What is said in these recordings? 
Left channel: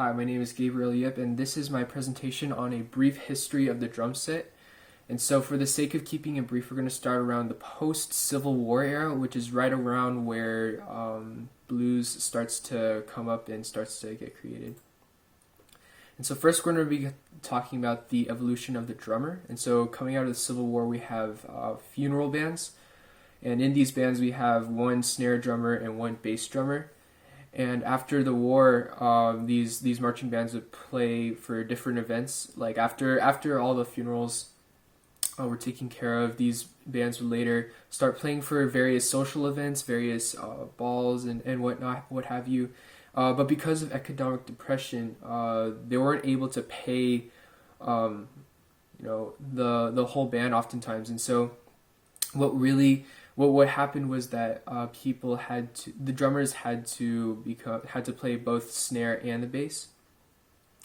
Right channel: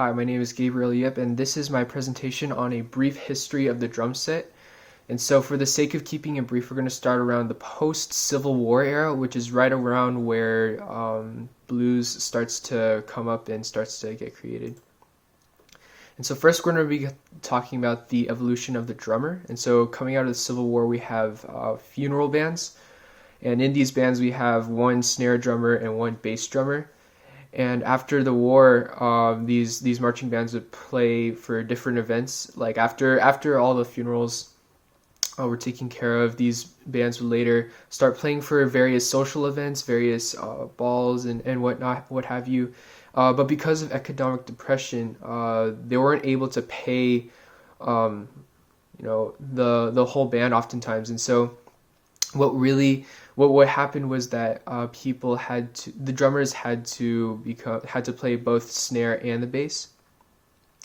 Hi, my name is Gabriel Yip, and this is my presentation on a brief history of the drum set. And so, for the sake of keeping it brief, we're going to start around the post-Civil War era, which is right around where blues starts to come up and starts to get created. And so, first, we're going to be talking about the evolution of the drummer. And so, coming out of the Civil War, we have funeral bands. And in these bands, we have one snare drummer and one bass drummer. And after the war, these marching bands would play for different events. Like after all the funerals were taken care of, these bands would later start playing for various social events, various balls and whatnot, what have you. But because of economic depression, they weren't able to pay, the whole band oftentimes. And so, what happened was that the drummers had to play both snare and the bass.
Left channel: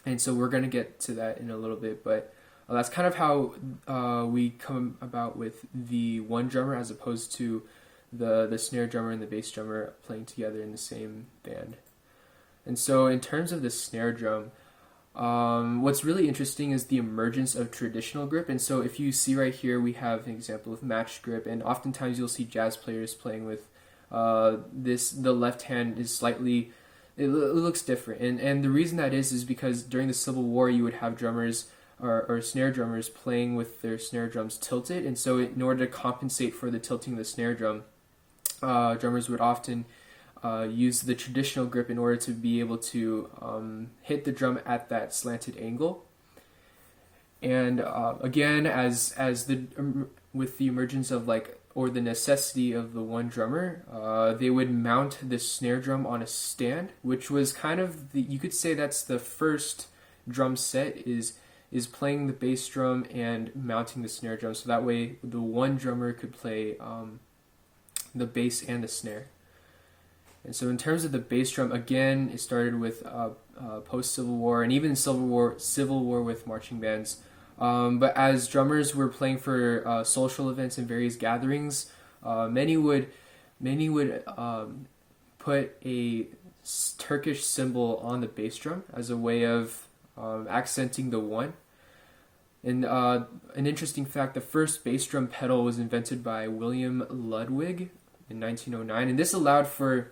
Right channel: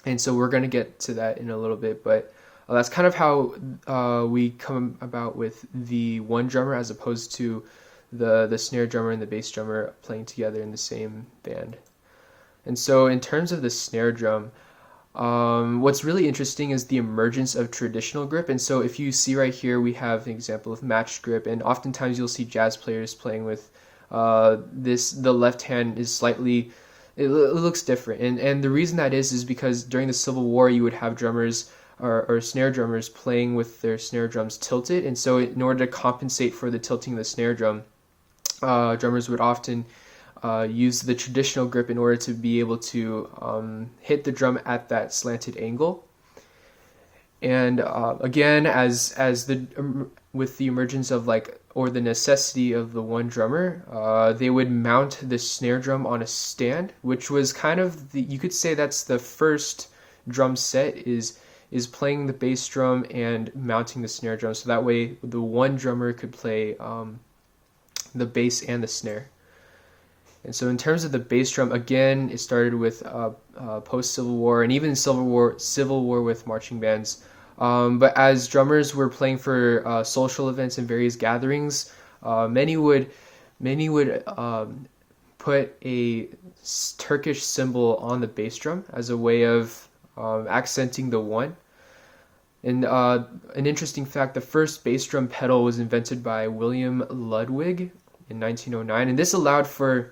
And so we're going to get to that in a little bit, but that's kind of how we come about with the one drummer as opposed to the snare drummer and the bass drummer playing together in the same band. And so in terms of the snare drum, what's really interesting is the emergence of traditional grip. And so if you see right here, we have an example of matched grip, and oftentimes you'll see jazz players playing with the left hand is slightly, it looks different. And the reason that is because during the Civil War, you would have drummers or snare drummers playing with their snare drums tilted. And so in order to compensate for the tilting of the snare drum, drummers would often use the traditional grip in order to be able to hit the drum at that slanted angle. And again, with the emergence of the necessity of the one drummer, they would mount the snare drum on a stand, which was kind of you could say that's the first drum set is playing the bass drum and mounting the snare drum, so that way the one drummer could play the bass and the snare. And so in terms of the bass drum, again, it started with post-Civil War and even Civil War with marching bands. But as drummers were playing for social events and various gatherings, many would put a Turkish symbol on the bass drum as a way of accenting the one. And an interesting fact, the first bass drum pedal was invented by William Ludwig in 1909, and this allowed for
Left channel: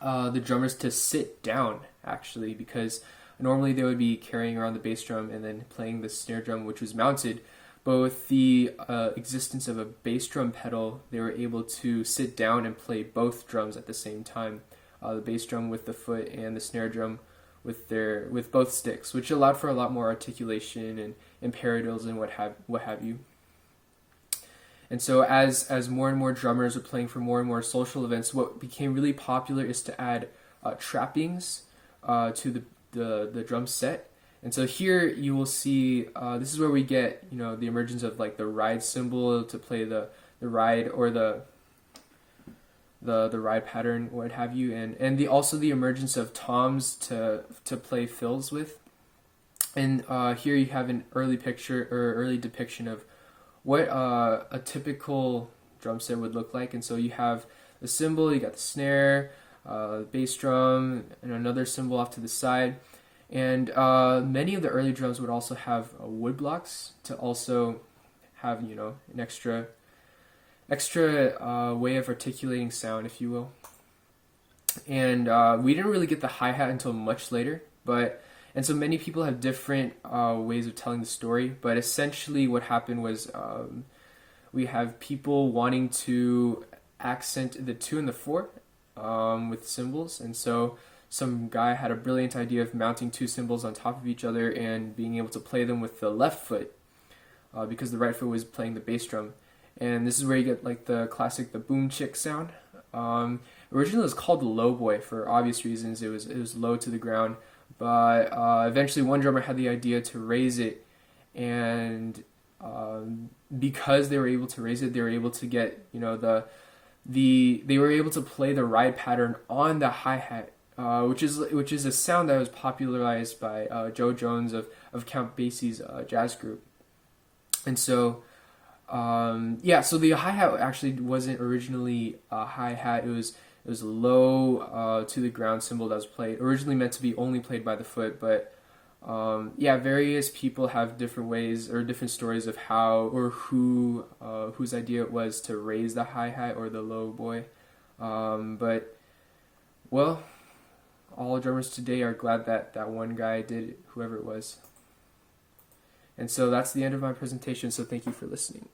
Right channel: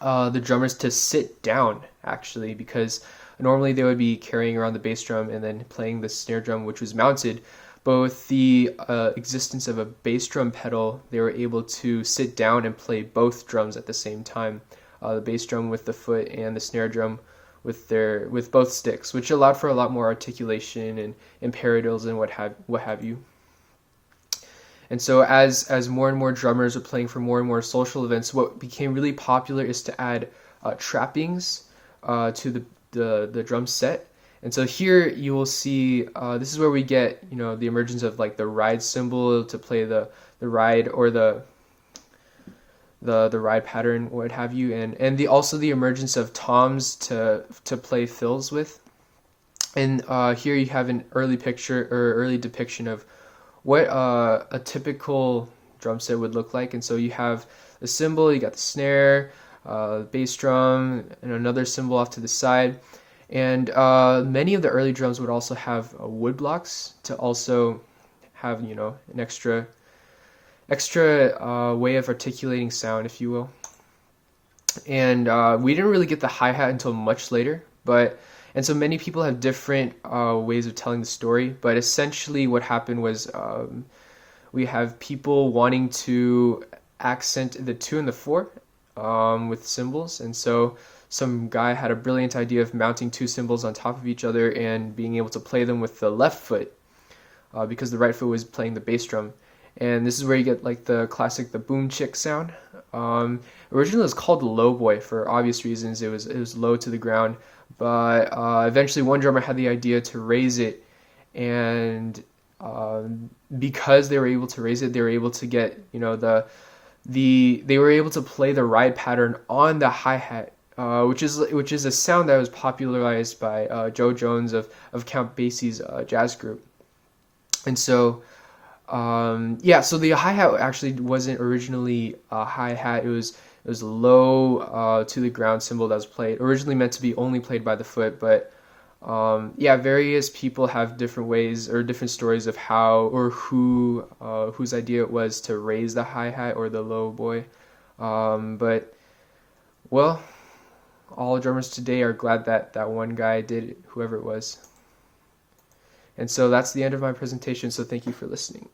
the drummers to sit down, actually, because normally they would be carrying around the bass drum and then playing the snare drum, which was mounted. But with the existence of a bass drum pedal, they were able to sit down and play both drums at the same time, the bass drum with the foot and the snare drum with both sticks, which allowed for a lot more articulation and paradiddles and what have you. And so as more and more drummers are playing for more and more social events, what became really popular is to add trappings to the drum set. And so here you will see, this is where we get, the emergence of the ride cymbal to play the ride or the ride pattern, what have you, and also the emergence of toms to play fills with. And here you have an early depiction of what a typical drum set would look like. And so you have the cymbal, you got the snare, bass drum, and another cymbal off to the side. And many of the early drums would also have wood blocks to also have, an extra way of articulating sound, if you will. And we didn't really get the hi-hat until much later, and so many people have different ways of telling the story, but essentially what happened was we have people wanting to accent the 2 and the 4 with cymbals, and so some guy had a brilliant idea of mounting 2 cymbals on top of each other and being able to play them with the left foot because the right foot was playing the bass drum. And this is where you get the classic, the boom chick sound. Originally it was called the low boy for obvious reasons. It was low to the ground. But eventually one drummer had the idea to raise it, and because they were able to raise it, they were able to get they were able to play the ride pattern on the hi-hat, which is a sound that was popularized by Joe Jones of Count Basie's jazz group. And so so the hi-hat actually wasn't originally a hi-hat. It It was a low to the ground cymbal that was played, originally meant to be only played by the foot, but yeah, various people have different ways or different stories of how or whose idea it was to raise the hi-hat or the low boy. But well, all drummers today are glad that that one guy did it, whoever it was. And so that's the end of my presentation, so thank you for listening.